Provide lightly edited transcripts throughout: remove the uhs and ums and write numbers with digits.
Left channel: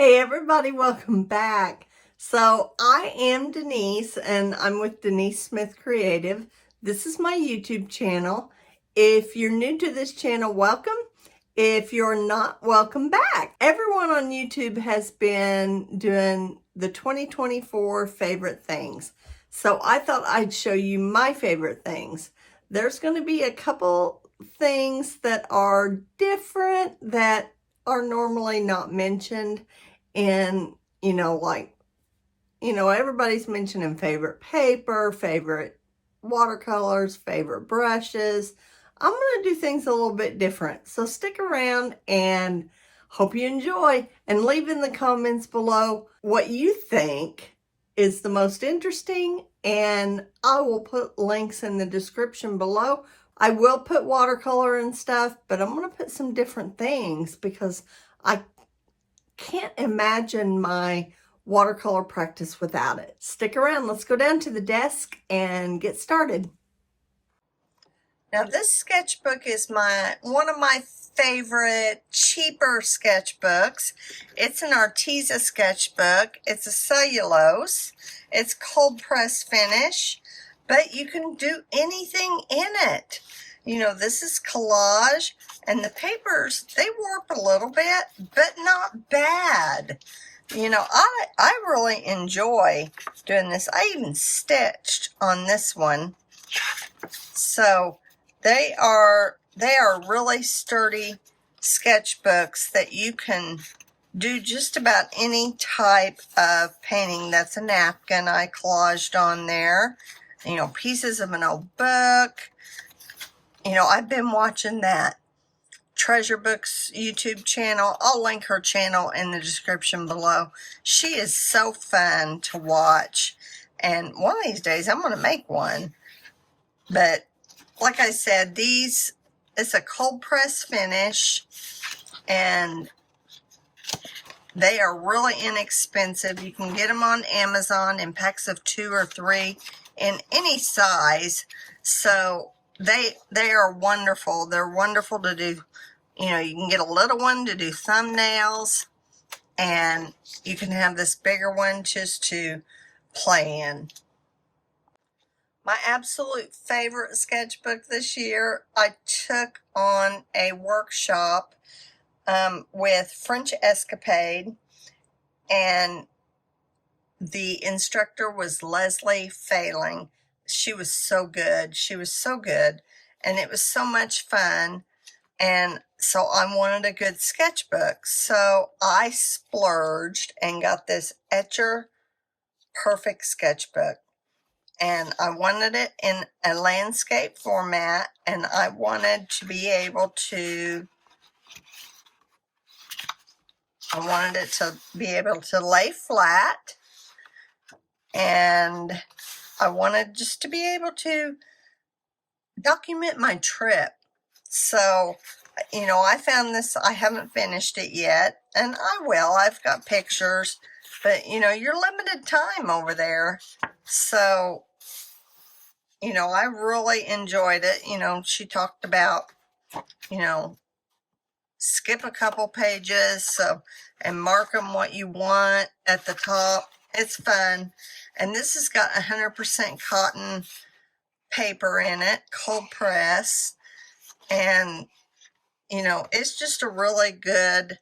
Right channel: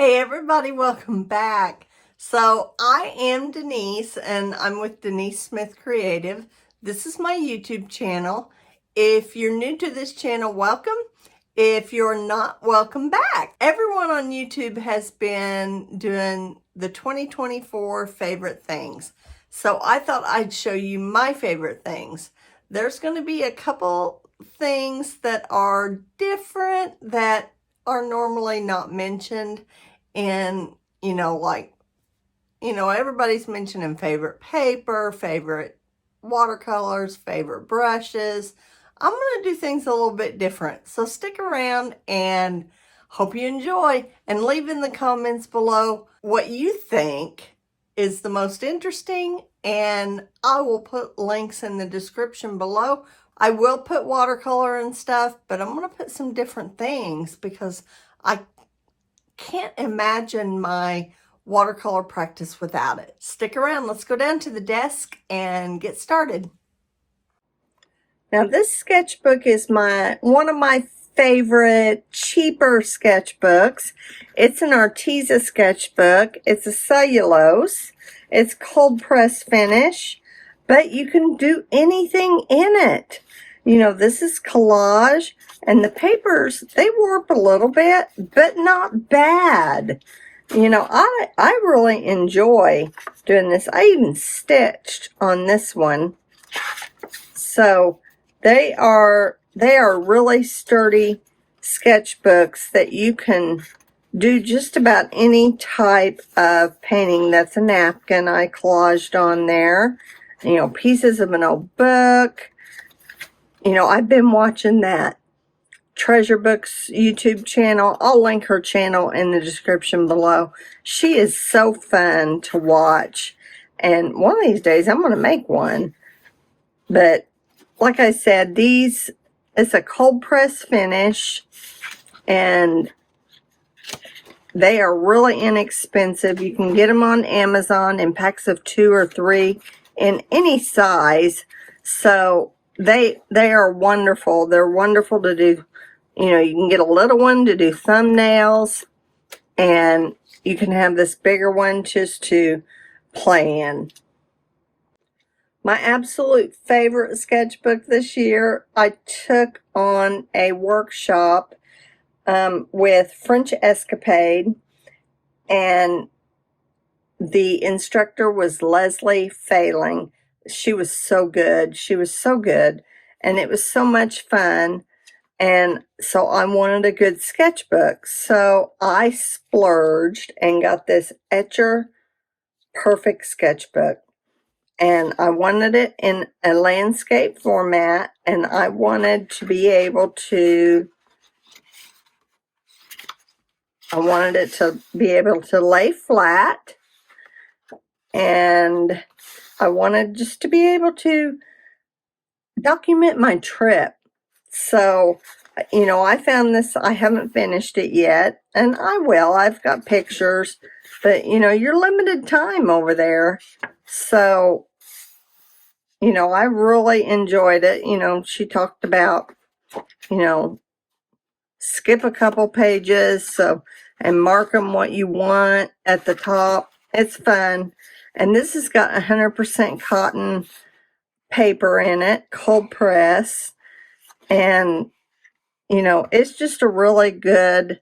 Hey everybody, welcome back. So I am Denise and I'm with Denise Smith Creative. This is my YouTube channel. If you're new to this channel, welcome. If you're not, welcome back. Everyone on YouTube has been doing the 2024 favorite things. So I thought I'd show you my favorite things. There's going to be a couple things that are different that are normally not mentioned. And, everybody's mentioning favorite paper, favorite watercolors, favorite brushes. I'm going to do things a little bit different. So stick around and hope you enjoy, and leave in the comments below what you think is the most interesting, and I will put links in the description below. I will put watercolor and stuff, but I'm going to put some different things because I can't imagine my watercolor practice without it. Stick around. Let's go down to the desk and get started. Now this sketchbook is one of my favorite cheaper sketchbooks. It's an Arteza sketchbook. It's a cellulose. It's cold press finish, but you can do anything in it. This is collage, and the papers, they warp a little bit, but not bad. I really enjoy doing this. I even stitched on this one. So they are really sturdy sketchbooks that you can do just about any type of painting. That's a napkin I collaged on there. Pieces of an old book. I've been watching that Treasure Books YouTube channel. I'll link her channel in the description below. She is so fun to watch. And one of these days I'm going to make one. But like I said, it's a cold press finish, and they are really inexpensive. You can get them on Amazon in packs of 2 or 3 in any size. So they are wonderful. They're wonderful to do. You can get a little one to do thumbnails, and you can have this bigger one just to play in. My absolute favorite sketchbook this year, I took on a workshop with French Escapade, and the instructor was Leslie Failing. She was so good. She was so good, and it was so much fun. And so I wanted a good sketchbook. So I splurged and got this Etcher Perfect sketchbook. And I wanted it in a landscape format, and I wanted to be able to, lay flat, and I wanted just to be able to document my trip. So, I found this. I haven't finished it yet, and I will. I've got pictures, but, you're limited time over there. So, I really enjoyed it. She talked about, skip a couple pages, and mark them what you want at the top. It's fun. And this has got 100% cotton paper in it, cold press. And, it's just a really good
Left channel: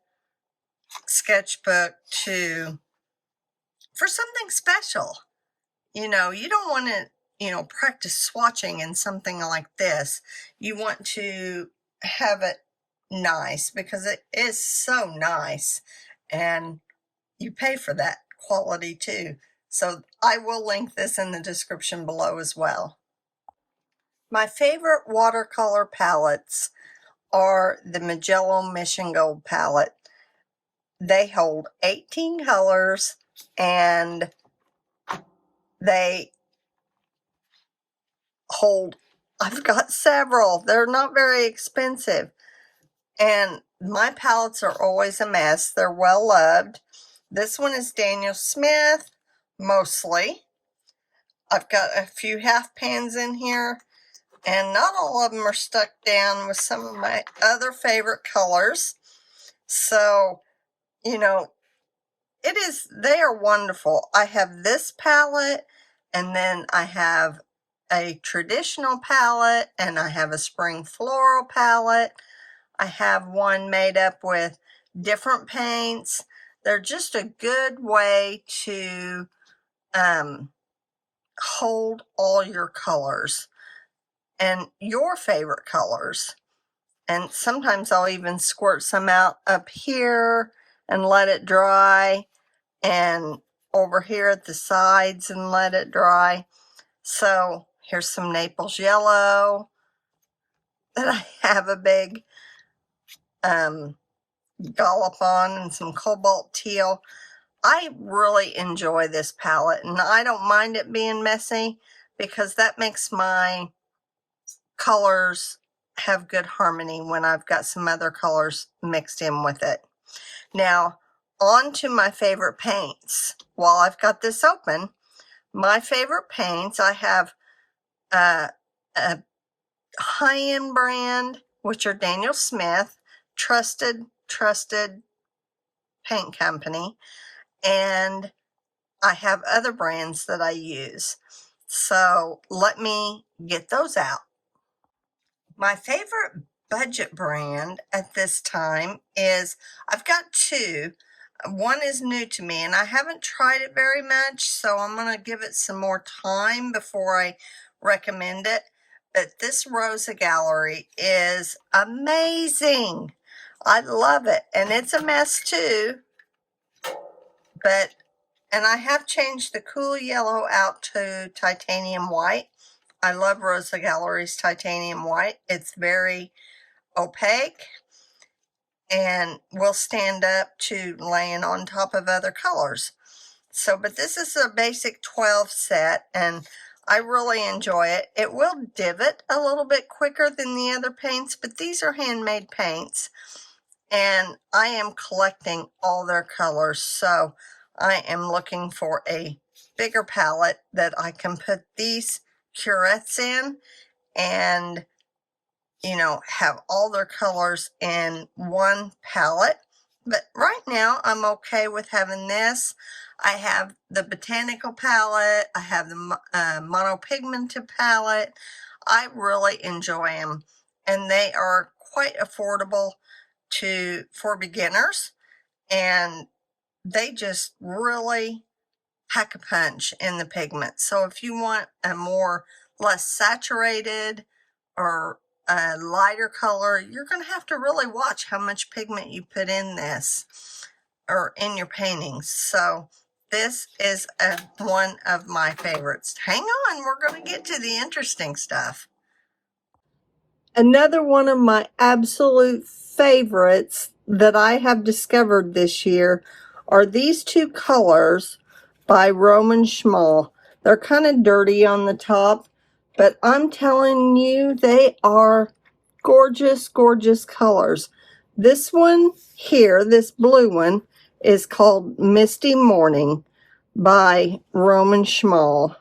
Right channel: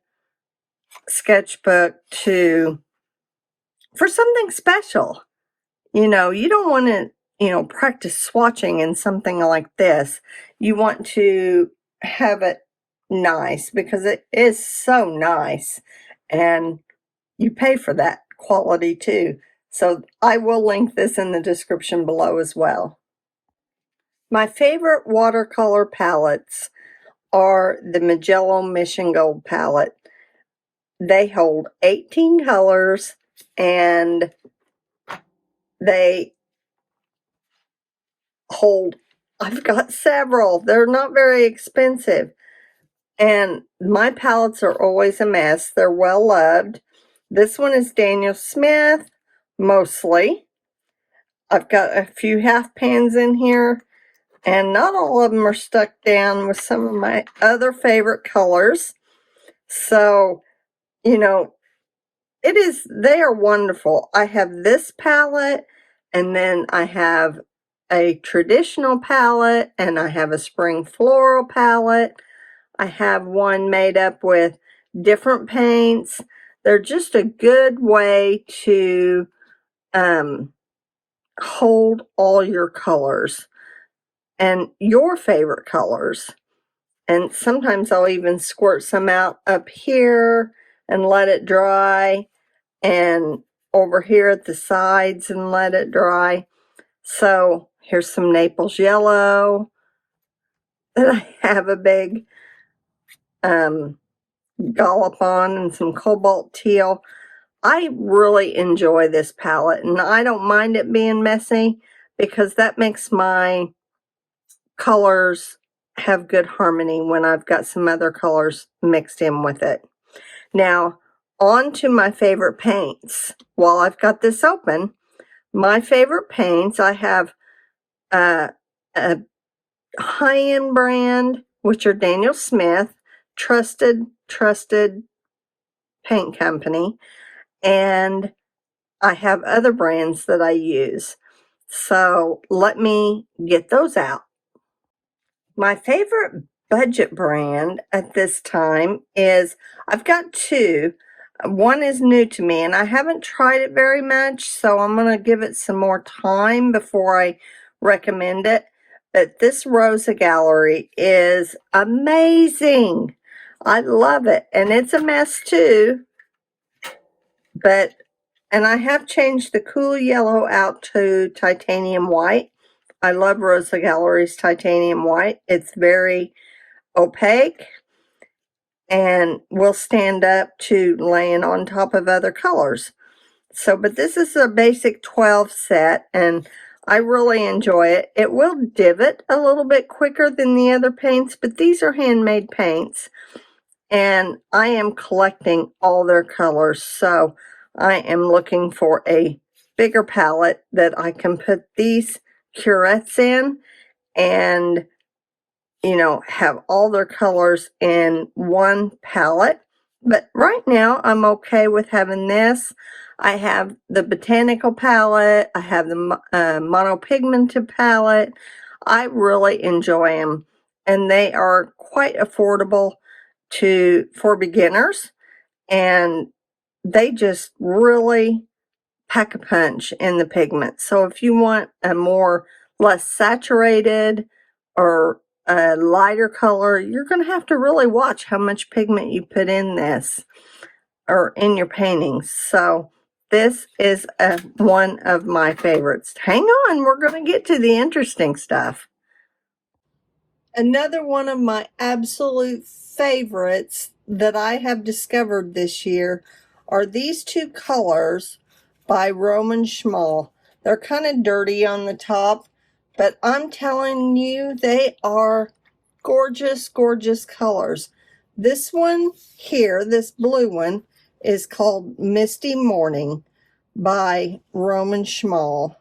sketchbook for something special. You don't want to, practice swatching in something like this. You want to have it nice because it is so nice, and you pay for that quality too. So I will link this in the description below as well. My favorite watercolor palettes are the Magello Mission Gold palette. They hold 18 colors, and they hold, I've got several. They're not very expensive. And my palettes are always a mess. They're well loved. This one is Daniel Smith, mostly. I've got a few half pans in here, and not all of them are stuck down with some of my other favorite colors. So, they are wonderful. I have this palette, and then I have a traditional palette, and I have a spring floral palette. I have one made up with different paints. They're just a good way to hold all your colors and your favorite colors. And sometimes I'll even squirt some out up here and let it dry, and over here at the sides and let it dry. So here's some Naples yellow that I have a big dollop on, and some cobalt teal. I really enjoy this palette, and I don't mind it being messy because that makes my colors have good harmony when I've got some other colors mixed in with it. Now, on to my favorite paints. While I've got this open, my favorite paints, I have a high-end brand, which are Daniel Smith, trusted paint company, and I have other brands that I use. So let me get those out. My favorite budget brand at this time is, I've got two. One is new to me, and I haven't tried it very much, so I'm going to give it some more time before I recommend it. But this Rosa Gallery is amazing. I love it, and it's a mess too. And I have changed the cool yellow out to titanium white. I love Rosa Gallery's titanium white. It's very opaque and will stand up to laying on top of other colors. So, but this is a basic 12 set, and I really enjoy it. It will divot a little bit quicker than the other paints, but these are handmade paints, and I am collecting all their colors. So I am looking for a bigger palette that I can put these curettes in and, you know, have all their colors in one palette. But right now I'm okay with having this. I have the botanical palette. I have the monopigmented palette. I really enjoy them, and they are quite affordable for beginners, and they just really pack a punch in the pigment. So if you want a less saturated or a lighter color, you're going to have to really watch how much pigment you put in this or in your paintings. So this is one of my favorites. Hang on, we're going to get to the interesting stuff. Another one of my absolute favorites that I have discovered this year are these two colors by Szmal. They're kind of dirty on the top, but I'm telling you, they are gorgeous, gorgeous colors. This one here, this blue one, is called Misty Morning by Szmal.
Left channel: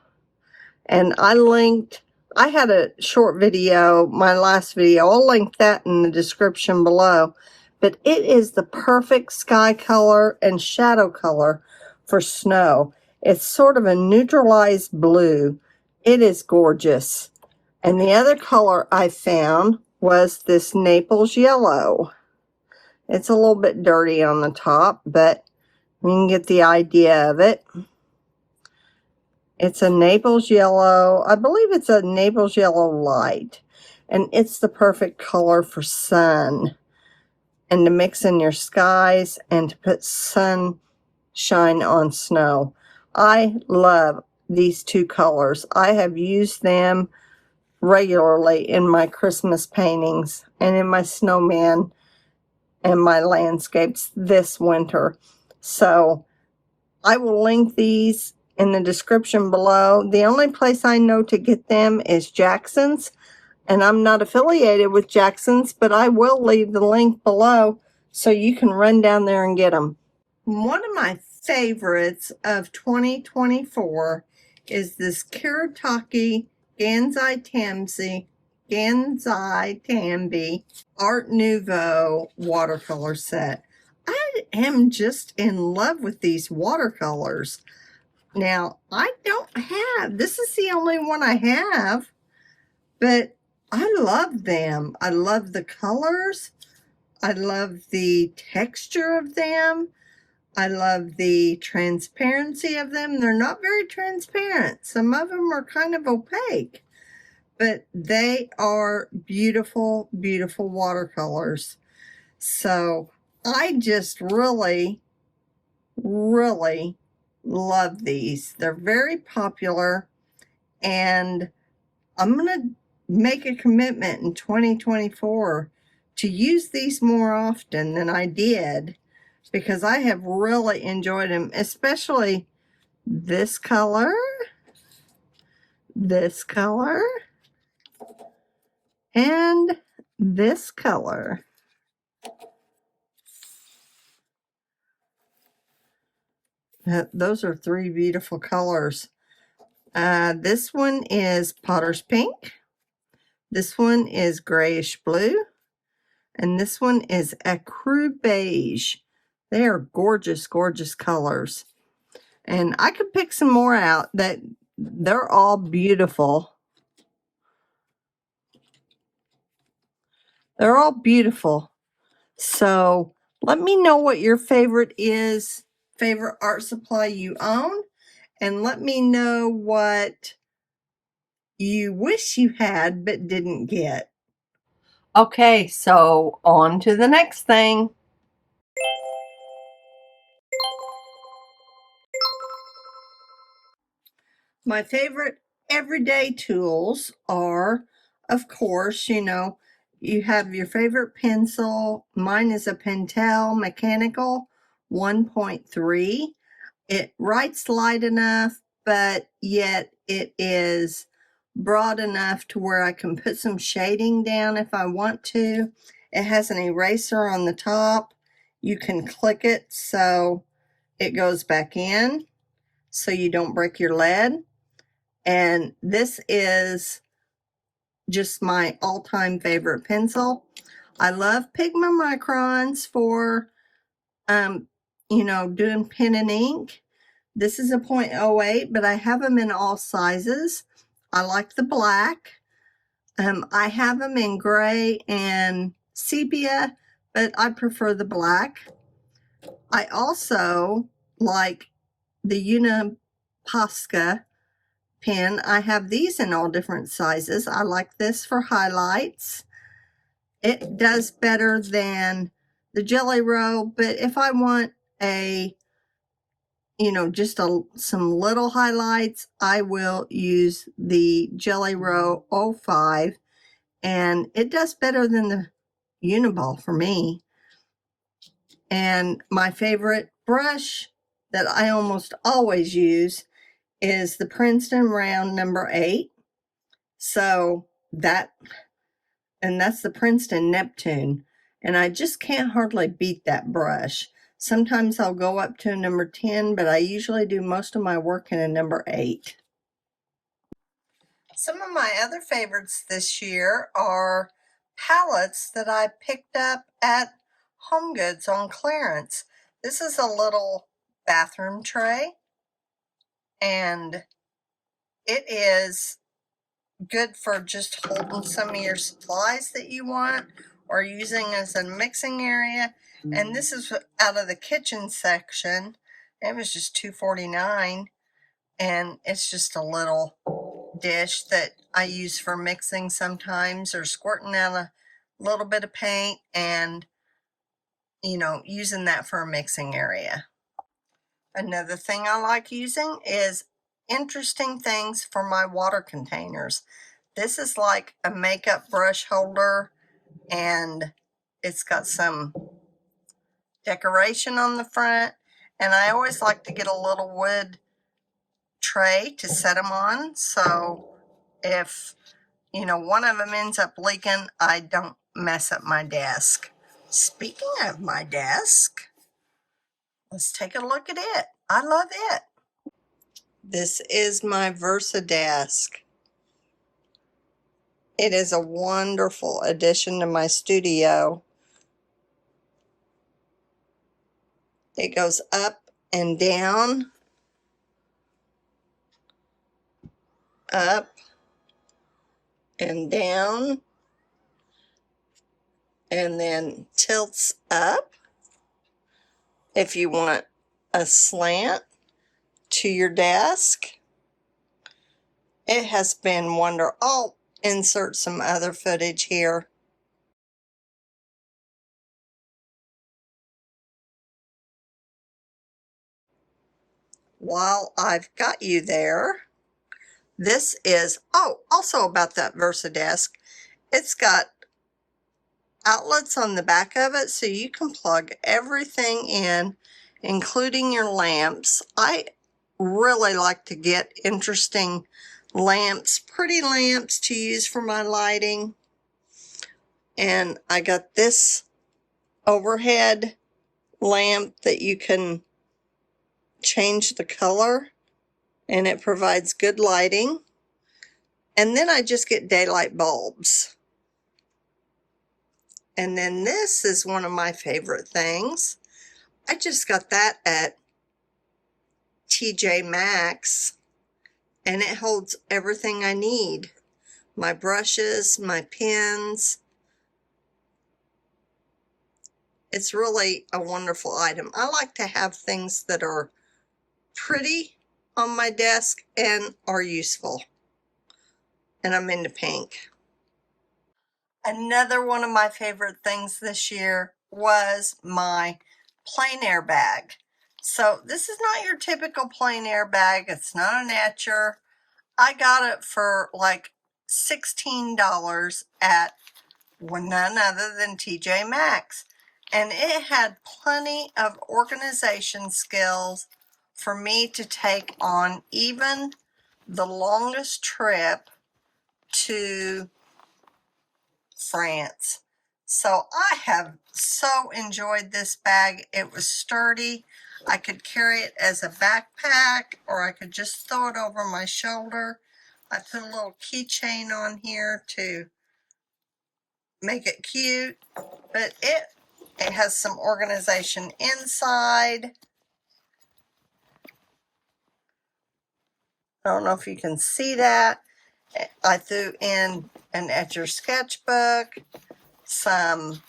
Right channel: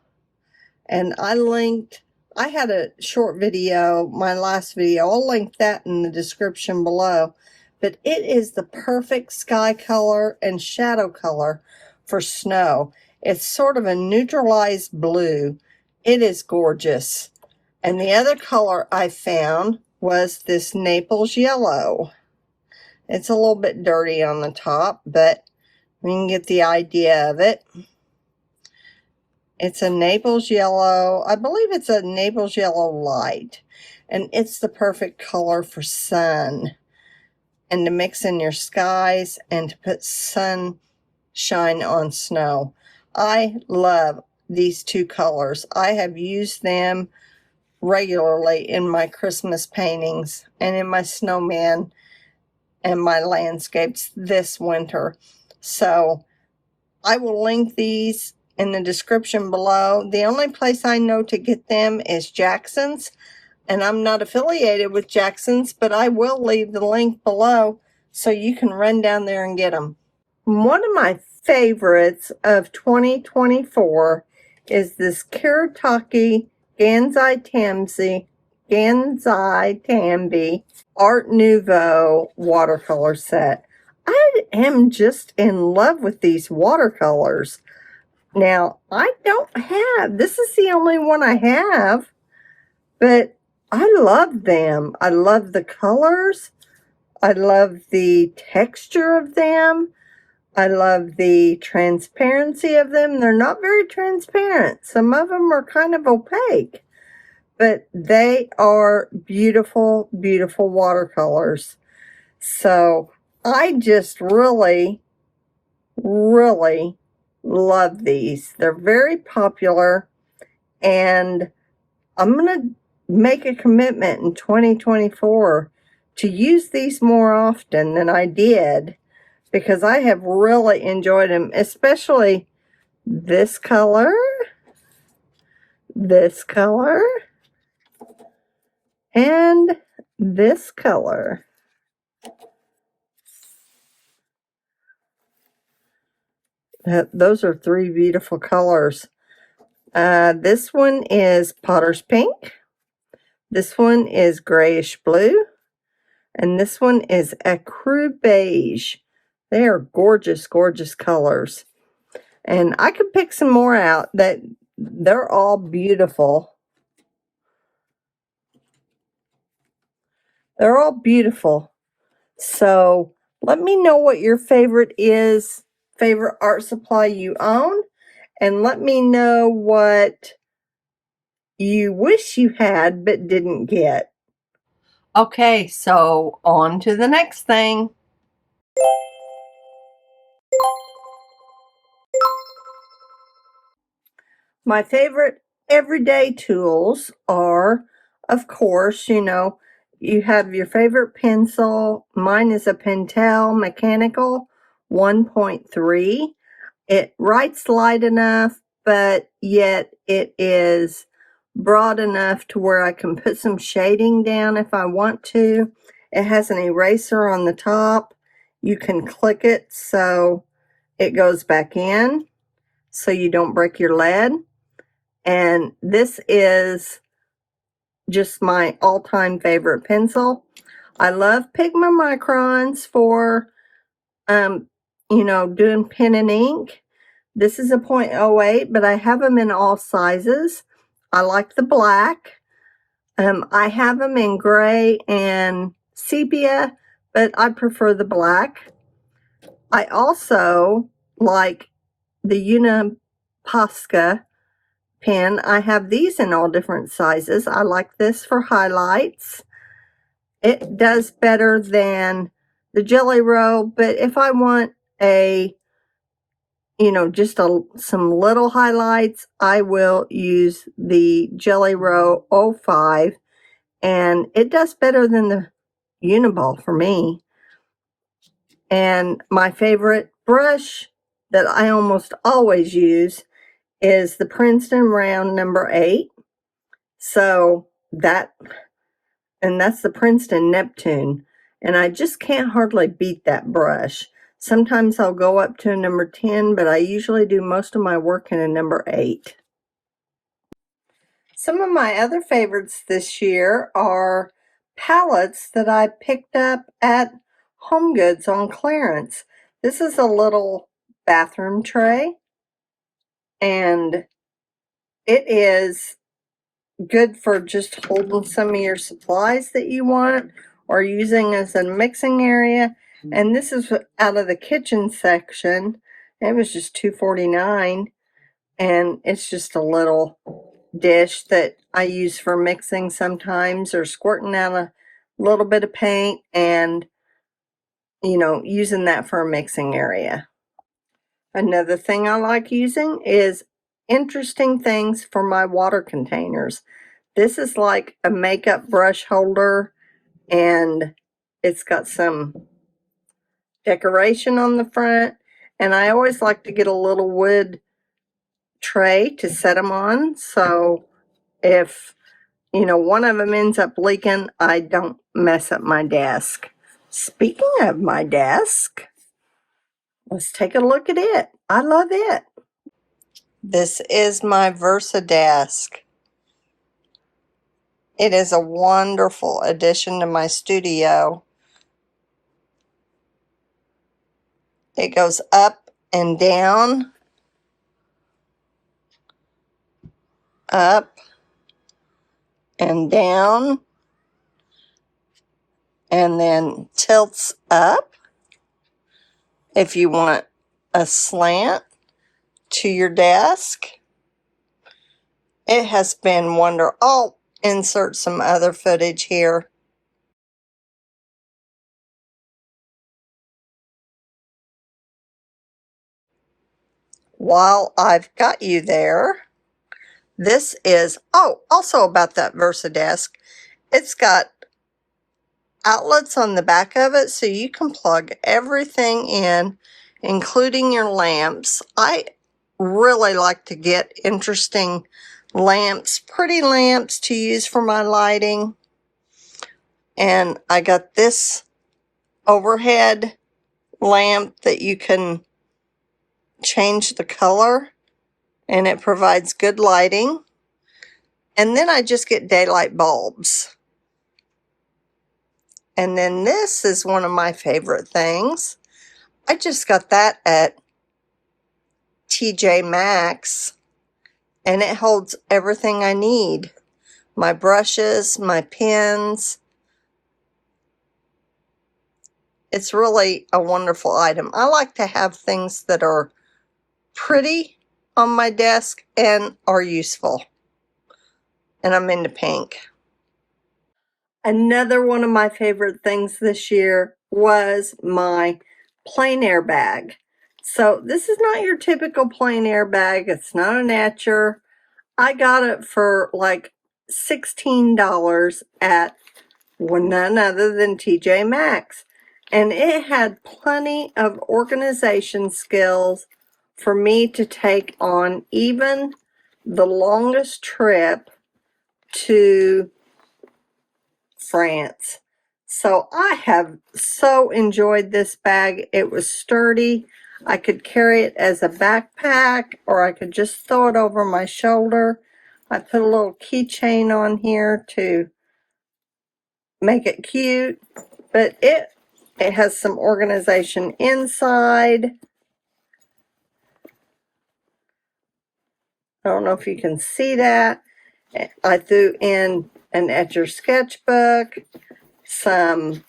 And I had a short video, my last video. I'll link that in the description below. But it is the perfect sky color and shadow color for snow. It's sort of a neutralized blue. It is gorgeous. And the other color I found was this Naples yellow. It's a little bit dirty on the top, but you can get the idea of it. It's a Naples yellow. I believe it's a Naples yellow light. And it's the perfect color for sun. And to mix in your skies and to put sunshine on snow. I love these two colors. I have used them regularly in my Christmas paintings and in my snowman and my landscapes this winter. So I will link these in the description below. The only place I know to get them is Jackson's, and I'm not affiliated with Jackson's, but I will leave the link below so you can run down there and get them. One of my favorites of 2024 is this Kuretake Ganzai Tambi Art Nouveau watercolor set. I am just in love with these watercolors. Now, I don't have, this is the only one I have, but I love them. I love the colors. I love the texture of them. I love the transparency of them. They're not very transparent. Some of them are kind of opaque, but they are beautiful, beautiful watercolors. So I just really, really love these. They're very popular, and I'm going to make a commitment in 2024 to use these more often than I did, because I have really enjoyed them, especially this color, and this color. Those are three beautiful colors. This one is Potter's Pink. This one is Grayish Blue. And this one is Ecru Beige. They are gorgeous, gorgeous colors. And I could pick some more out. That they're all beautiful. They're all beautiful. So let me know what your favorite is, favorite art supply you own. And let me know what you wish you had but didn't get. Okay, so on to the next thing. My favorite everyday tools are, of course, you have your favorite pencil. Mine is a Pentel Mechanical 1.3. It writes light enough, but yet it is broad enough to where I can put some shading down if I want to. It has an eraser on the top. You can click it so it goes back in so you don't break your lead. And this is just my all-time favorite pencil. I love Pigma Microns for, doing pen and ink. This is a .08, but I have them in all sizes. I like the black. I have them in gray and sepia, but I prefer the black. I also like the Uniposca pen. I have these in all different sizes. I like this for highlights. It does better than the Jelly Roll, but if I want just some little highlights, I will use the Jelly Roll 05, and it does better than the Uniball for me. And my favorite brush that I almost always use is the Princeton Round number 8. So that's the Princeton Neptune. And I just can't hardly beat that brush. Sometimes I'll go up to a number 10, but I usually do most of my work in a number 8. Some of my other favorites this year are palettes that I picked up at HomeGoods on clearance. This is a little bathroom tray, and it is good for just holding some of your supplies that you want or using as a mixing area. And this is out of the kitchen section. It was just $2.49, and it's just a little dish that I use for mixing sometimes, or squirting out a little bit of paint and using that for a mixing area. Another thing I like using is interesting things for my water containers. This is like a makeup brush holder, and it's got some decoration on the front, and I always like to get a little wood tray to set them on, so if one of them ends up leaking, I don't mess up my desk. Speaking of my desk, let's take a look at it. I love it. This is my Versa desk. It is a wonderful addition to my studio. It goes up and down, up and down, and then tilts up if you want a slant to your desk. It has been wonderful. I'll insert some other footage here. While I've got you there, this is, oh, also about that VersaDesk, it's got outlets on the back of it so you can plug everything in, including your lamps. I really like to get interesting lamps, pretty lamps to use for my lighting. And I got this overhead lamp that you can change the color, and it provides good lighting. And then I just get daylight bulbs. And then this is one of my favorite things. I just got that at TJ Maxx, and it holds everything I need. My brushes, my pens. It's really a wonderful item. I like to have things that are pretty on my desk and are useful. And I'm into pink. Another one of my favorite things this year was my plein air bag. So this is not your typical plein air bag. It's not an etcher. I got it for like $16 at none other than TJ Maxx. And it had plenty of organization skills for me to take on even the longest trip to France. So I have so enjoyed this bag. It was sturdy. I could carry it as a backpack, or I could just throw it over my shoulder. I put a little keychain on here to make it cute, but it has some organization inside. I don't know if you can see that. I threw in an etcher sketchbook, some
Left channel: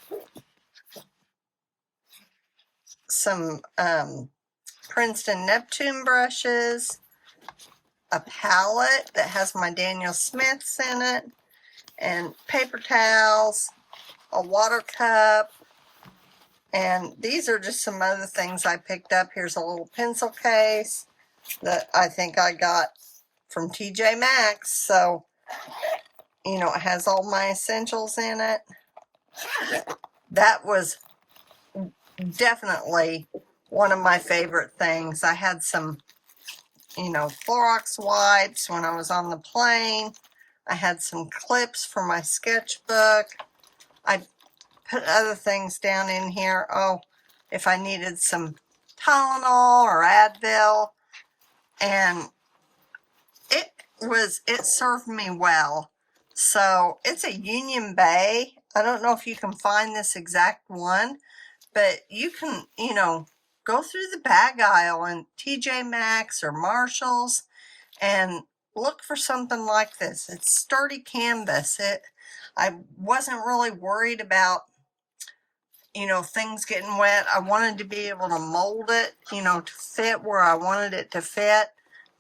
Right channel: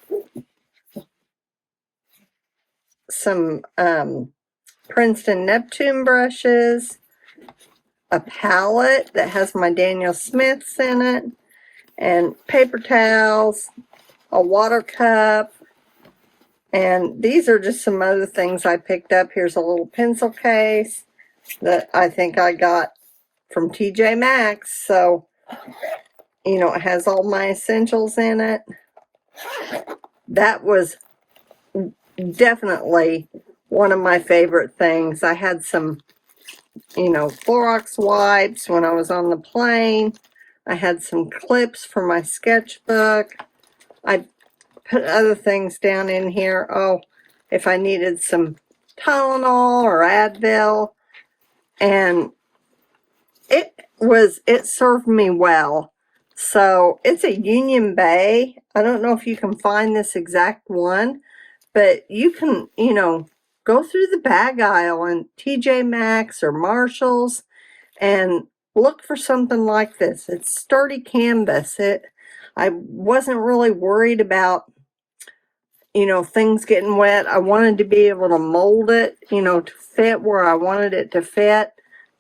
Princeton Neptune brushes, a palette that has my Daniel Smiths in it, and paper towels, a water cup, and these are just some other things I picked up. Here's a little pencil case that I think I got from TJ Maxx, so, you know, it has all my essentials in it. That was definitely one of my favorite things. I had some, you know, Clorox wipes when I was on the plane. I had some clips for my sketchbook. I put other things down in here. Oh, if I needed some Tylenol or Advil. And it served me well. So it's a Union Bay. I don't know if you can find this exact one, but you can, you know, go through the bag aisle in TJ Maxx or Marshall's and look for something like this. It's sturdy canvas. I wasn't really worried about, you know, things getting wet. I wanted to be able to mold it, you know, to fit where I wanted it to fit.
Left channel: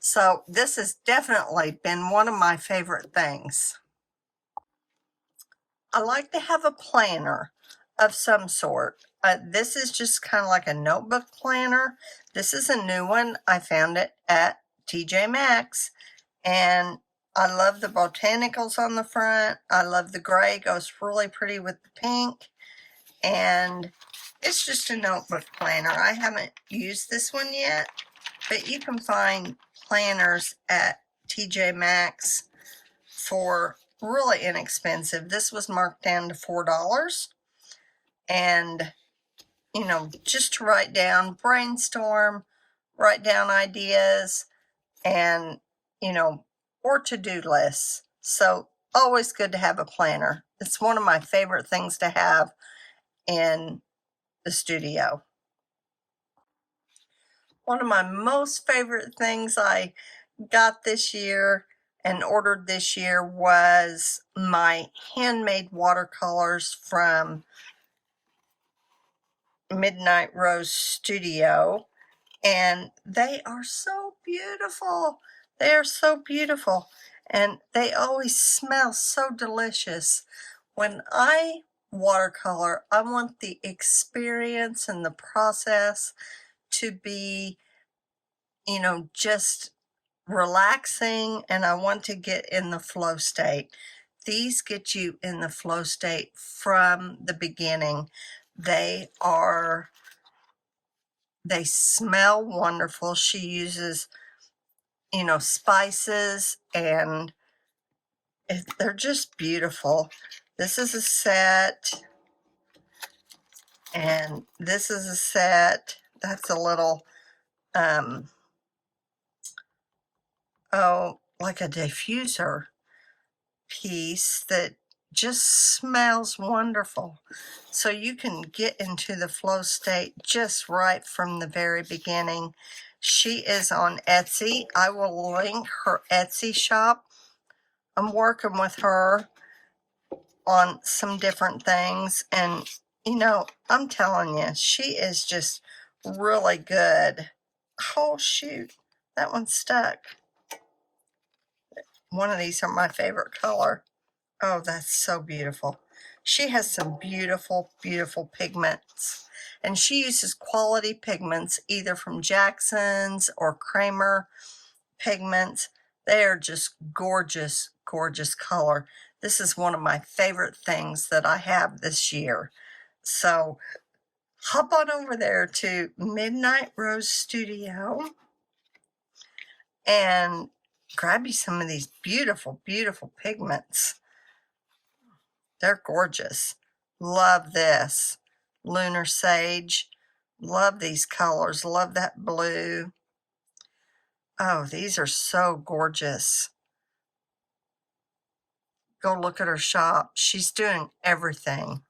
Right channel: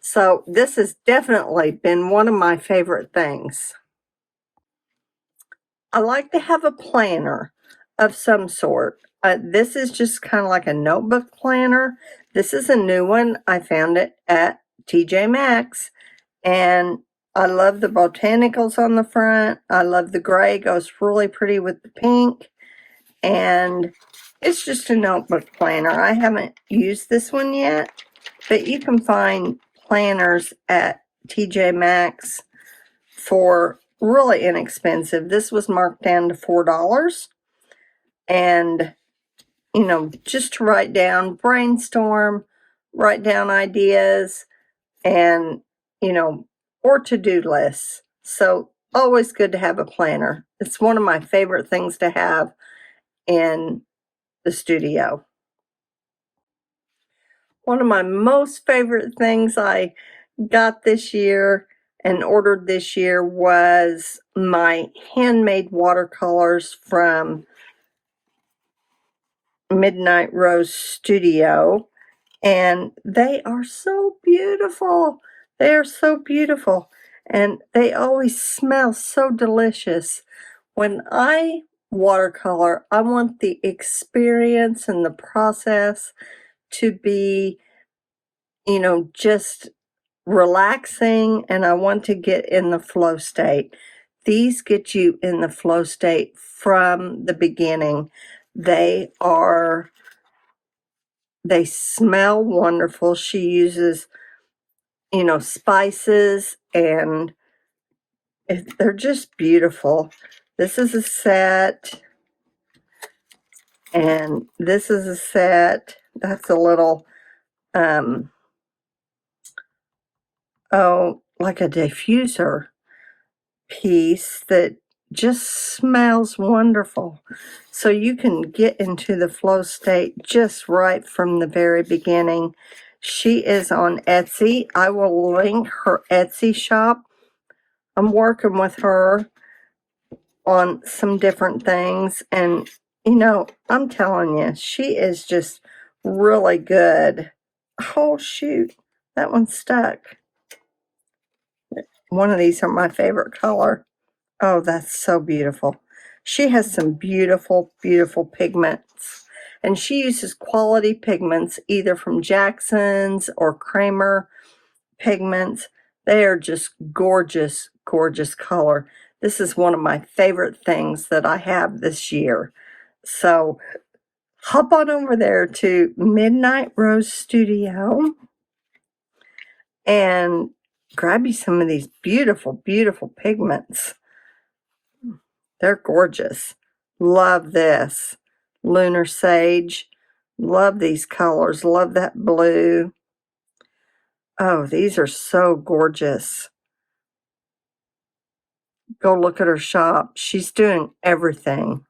So this has definitely been one of my favorite things. I like to have a planner of some sort. This is just kind of like a notebook planner. This is a new one. I found it at TJ Maxx. And I love the botanicals on the front. I love the gray. It goes really pretty with the pink. And it's just a notebook planner. I haven't used this one yet, but you can find planners at TJ Maxx for really inexpensive. This was marked down to $4. And, you know, just to write down, brainstorm, write down ideas, and, you know, or to-do lists. So always good to have a planner. It's one of my favorite things to have in the studio. One of my most favorite things I got this year and ordered this year was my handmade watercolors from Midnight Rose Studio, and they are so beautiful. They are so beautiful, and they always smell so delicious. When I watercolor, I want the experience and the process to be, just relaxing, and I want to get in the flow state. These get you in the flow state from the beginning. They smell wonderful. She uses, spices, and they're just beautiful. This is a set, and this is a set. That's a little, like a diffuser piece that just smells wonderful. So you can get into the flow state just right from the very beginning. She is on Etsy. I will link her Etsy shop. I'm working with her on some different things, and I'm telling you, she is just really good. Oh shoot, that one's stuck. One of these are my favorite color. Oh, that's so beautiful. She has some beautiful, beautiful pigments. And she uses quality pigments, either from Jackson's or Kramer pigments. They are just gorgeous, gorgeous color. This is one of my favorite things that I have this year. So hop on over there to Midnight Rose Studio and grab you some of these beautiful, beautiful pigments. They're gorgeous. Love this. Lunar Sage. Love these colors. Love that blue. Oh, these are so gorgeous. Go look at her shop. She's doing everything.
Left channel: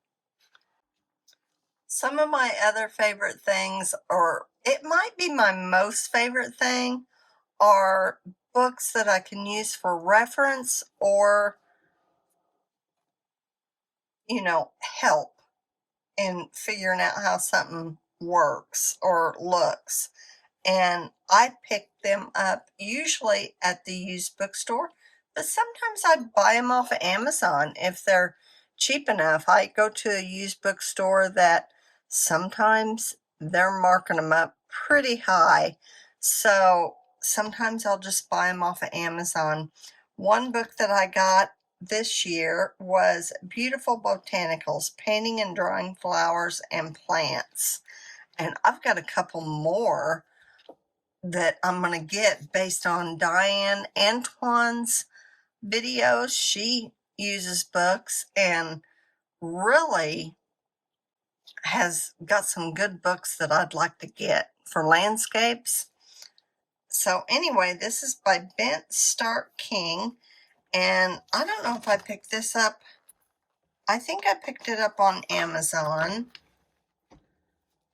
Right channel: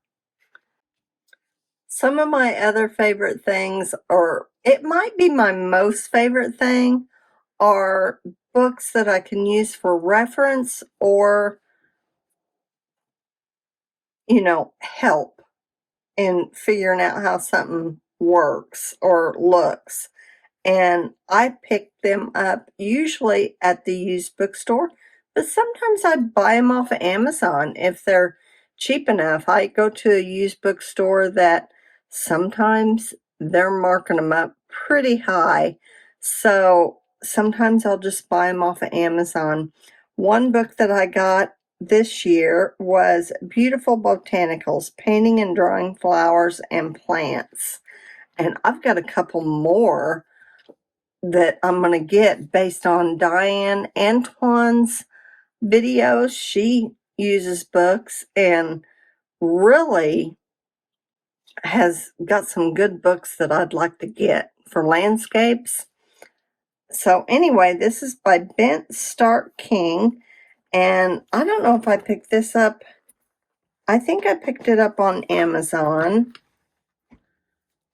Some of my other favorite things, or it might be my most favorite thing, are books that I can use for reference or, help in figuring out how something works or looks. And I pick them up usually at the used bookstore, but sometimes I buy them off of Amazon if they're cheap enough. I go to a used bookstore that sometimes they're marking them up pretty high, so sometimes I'll just buy them off of Amazon. One book that I got this year was Beautiful Botanicals, Painting and Drawing Flowers and Plants, and I've got a couple more that I'm going to get based on Diane Antoine's videos. She uses books and really has got some good books that I'd like to get for landscapes. So anyway, this is by Bent Stark King, and I don't know if I picked this up. I think I picked it up on Amazon,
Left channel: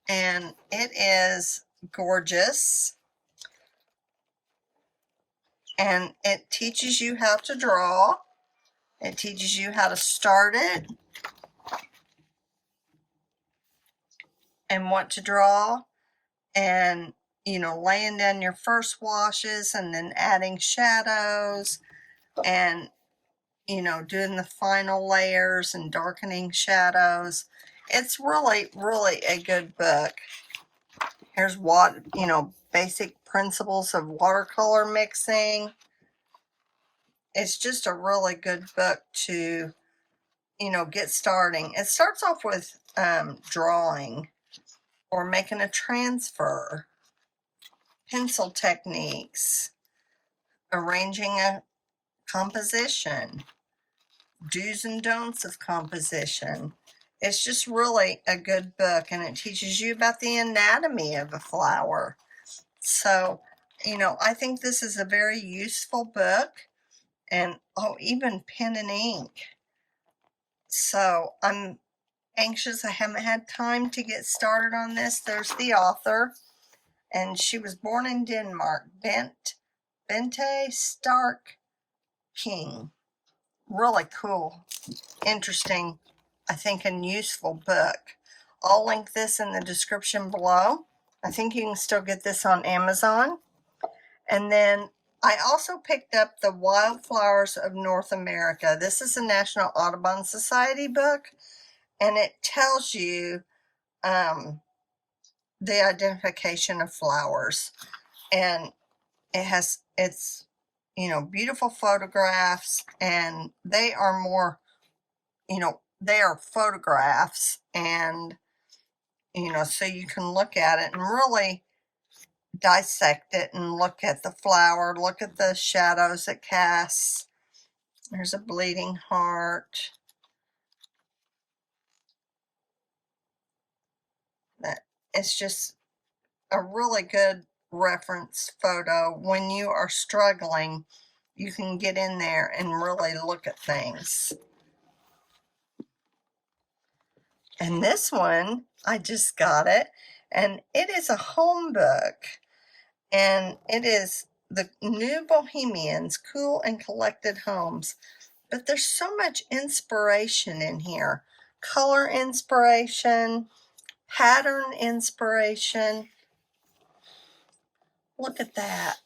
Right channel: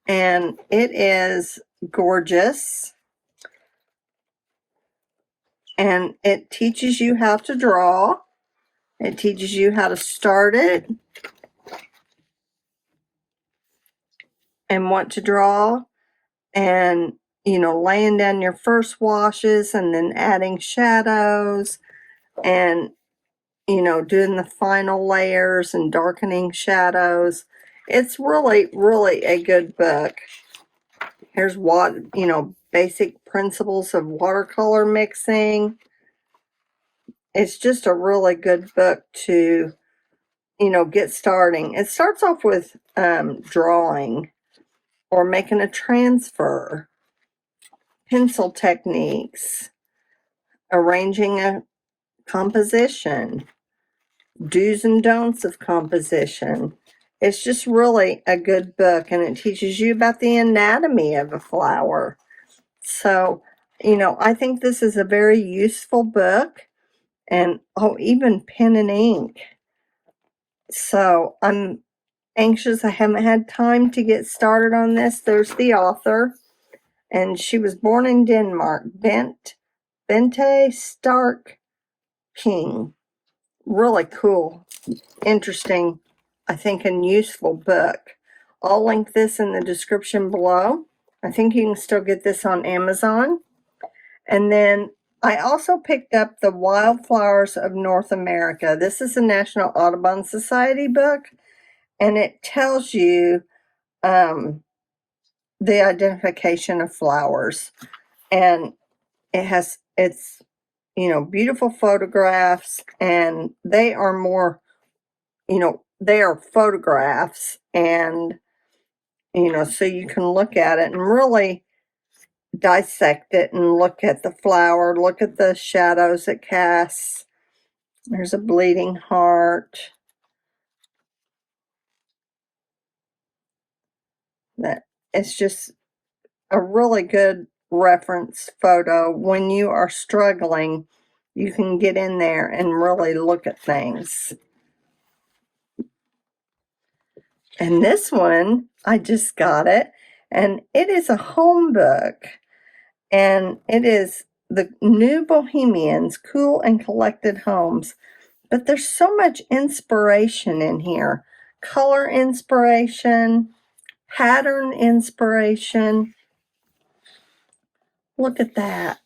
and it is gorgeous. And it teaches you how to draw. It teaches you how to start it and what to draw, and laying down your first washes and then adding shadows, and doing the final layers and darkening shadows. It's really, really a good book. Here's what, basic principles of watercolor mixing. It's just a really good book to get starting. It starts off with drawing or making a transfer, pencil techniques, arranging a composition, do's and don'ts of composition. It's just really a good book, and it teaches you about the anatomy of a flower. So, I think this is a very useful book, and even pen and ink. So I'm anxious. I haven't had time to get started on this. There's the author, And she was born in Denmark. Bente Stark King. Really cool, interesting, I think, and useful book. I'll link this in the description below. I think you can still get this on Amazon. And then I also picked up the Wildflowers of North America. This is a National Audubon Society book, and it tells you the identification of flowers. And it's beautiful photographs, and they are more, they are photographs, and so you can look at it and really dissect it and look at the flower, look at the shadows it casts. There's a bleeding heart. That it's just a really good reference photo. When you are struggling, you can get in there and really look at things. And this one, I just got it, and it is a home book, and it is the New Bohemians, Cool and Collected Homes. But there's so much inspiration in here. Color inspiration, pattern inspiration. Look at that.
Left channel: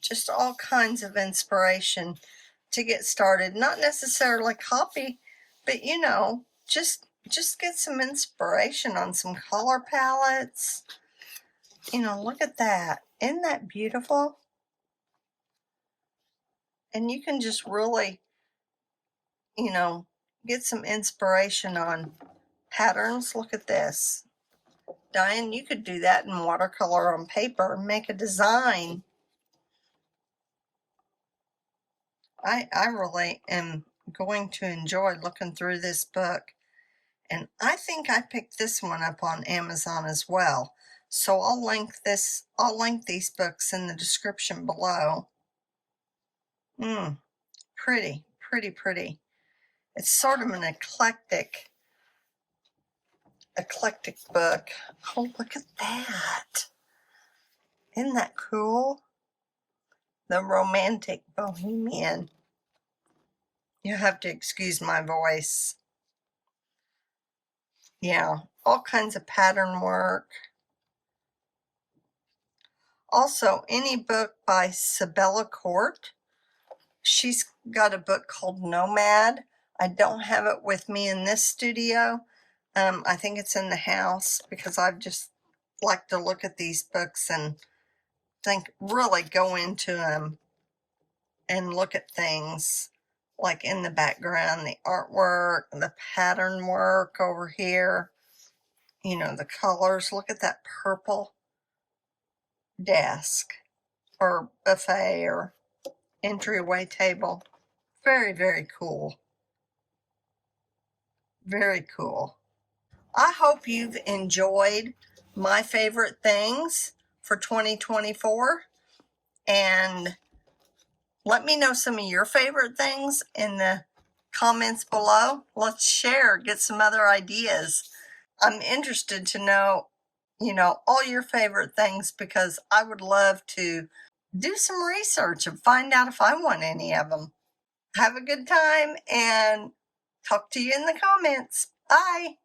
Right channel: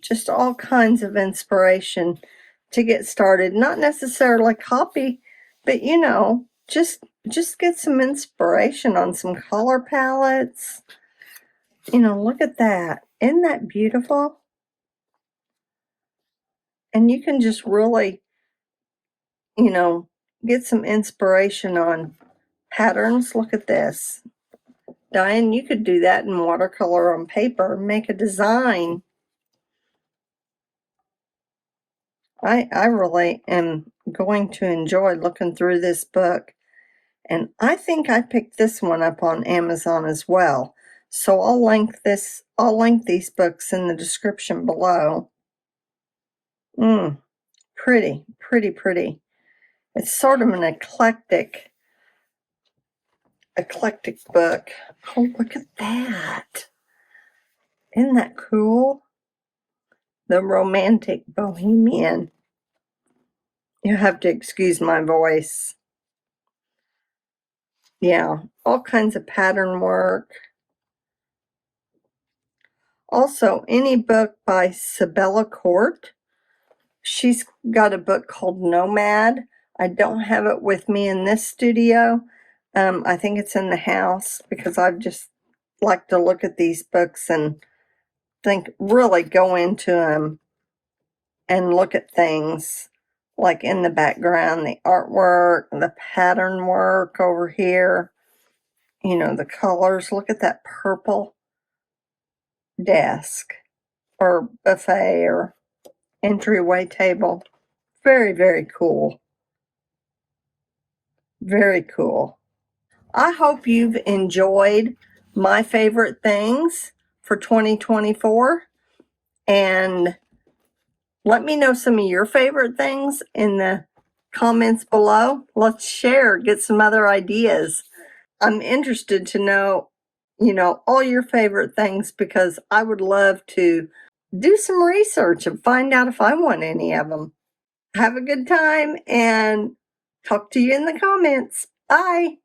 Just all kinds of inspiration to get started. Not necessarily copy, but just get some inspiration on some color palettes. Look at that. Isn't that beautiful? And you can just really, get some inspiration on patterns. Look at this. Diane, you could do that in watercolor on paper, make a design. I really am going to enjoy looking through this book. And I think I picked this one up on Amazon as well. So I'll link these books in the description below. Pretty, pretty, pretty. It's sort of an eclectic book. Oh, look at that. Isn't that cool? The Romantic Bohemian. You have to excuse my voice. Yeah, all kinds of pattern work. Also, any book by Sabella Court. She's got a book called Nomad. I don't have it with me in this studio. I think it's in the house because I just like to look at these books and really go into them and look at things like in the background, the artwork, the pattern work over here, the colors. Look at that purple desk or buffet or entryway table. Very, very cool. Very cool. I hope you've enjoyed my favorite things for 2024, and let me know some of your favorite things in the comments below. Let's share, get some other ideas. I'm interested to know, all your favorite things, because I would love to do some research and find out if I want any of them. Have a good time and talk to you in the comments. Bye.